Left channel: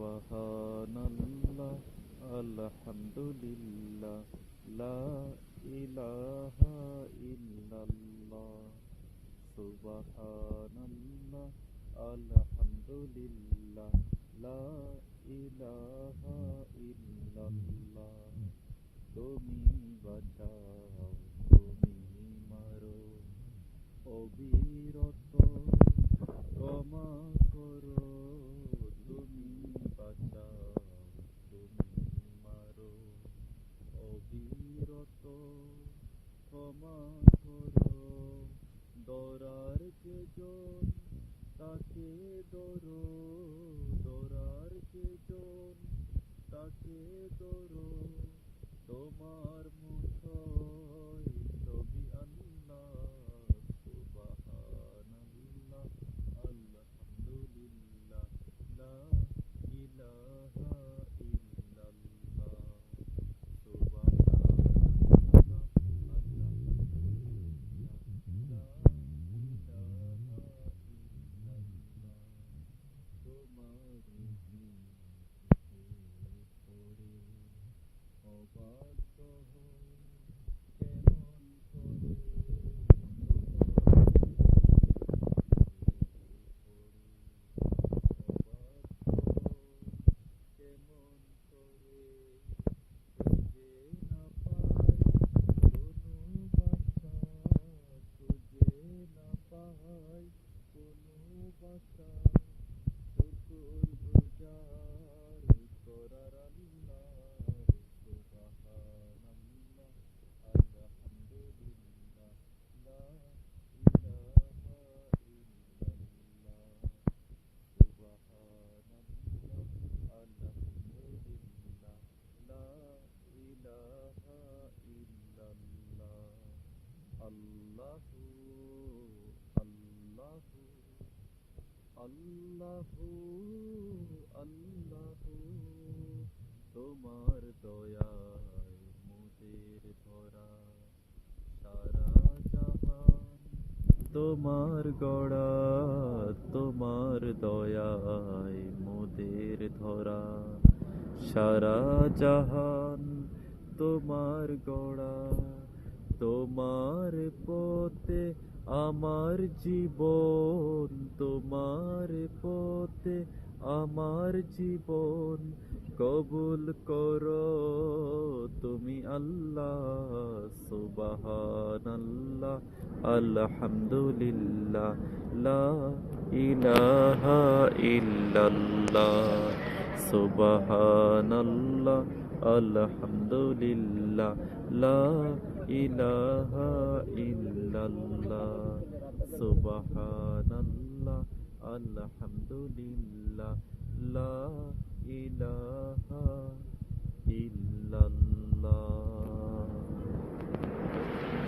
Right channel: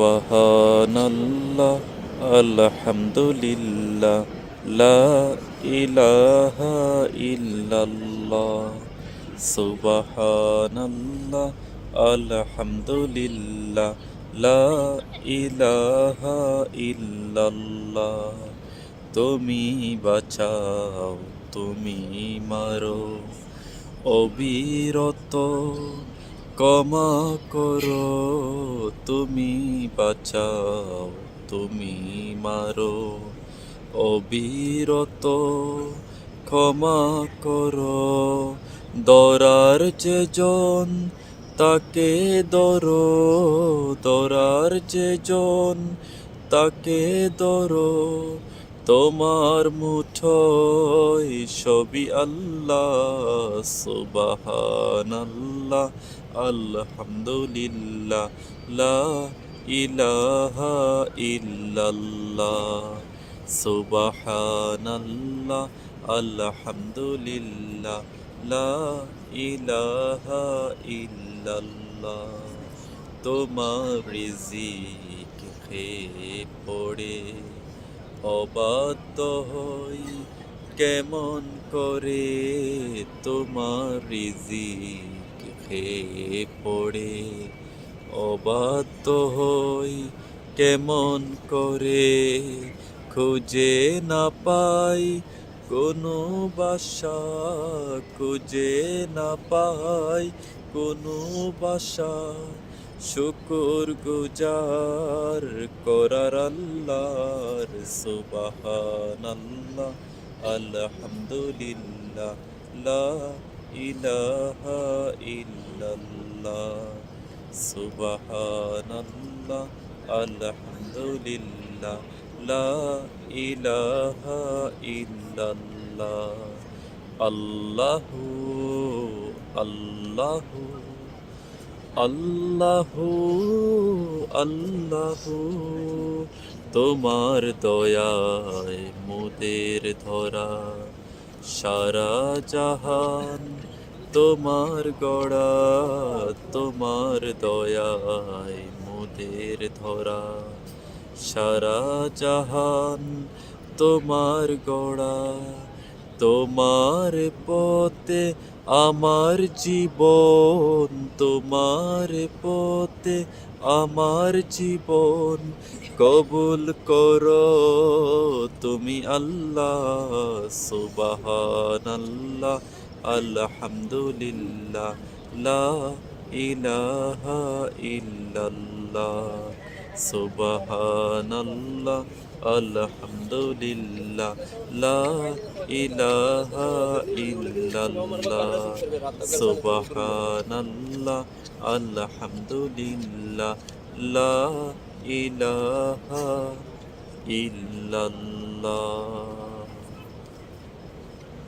সুবহানাল্লাহ আলহামদুলিল্লাহ লা ইলাহা ইল্লাল্লাহ সুবহানাল্লাহ আলহামদুলিল্লাহ লা ইলাহা ইল্লাল্লাহ তুমি বাঁচাও তুমি মারো অবিরত ক্ষমা করো তুমি বাঁচাও তুমি মারো অবিরত ক্ষমা করো দরার যে জন তাকে ধরো দরার যে জন তাকে ধরো তোমার মুঠোয় সবই আল্লাহ সুবহানাল্লাহ আলহামদুলিল্লাহ লা ইলাহা ইল্লাল্লাহ সুবহানাল্লাহ আলহামদুলিল্লাহ লা ইলাহা ইল্লাল্লাহ তোমার রিজিক খেয়ে পড়ে অবাধ্য হই কেমন করে তোমার রিজিক খেয়ে পড়ে অবাধ্য হই কেমন করে খুঁজে না পাই কোনো বাসা খুঁজে না পাই কোনো বাসা শুকর গুজার করার আল্লাহর সুবহানাল্লাহ আলহামদুলিল্লাহ লা ইলাহা ইল্লাল্লাহ সুবহানাল্লাহ আলহামদুলিল্লাহ লা ইলাহা ইল্লাল্লাহ আল্লাহু আল্লাহু আল্লাহু আল্লাহু তোমার দয়ায় মোদের ধরা সারা জাহান তোমার গড়া তোমার দয়ায় মোদের ধরা সারা জাহান তোমার গড়া তোমার পথে আমার জীবন তোমার পথে আমার জীবন কবুল করো তুমি আল্লাহ সুবহানাল্লাহ আলহামদুলিল্লাহ লা ইলাহা ইল্লাল্লাহ সুবহানাল্লাহ আলহামদুলিল্লাহ লা ইলাহা ইল্লাল্লাহ সুবহানাল্লাহ আলহামদুলিল্লাহ লা ইলাহা ইল্লাল্লাহ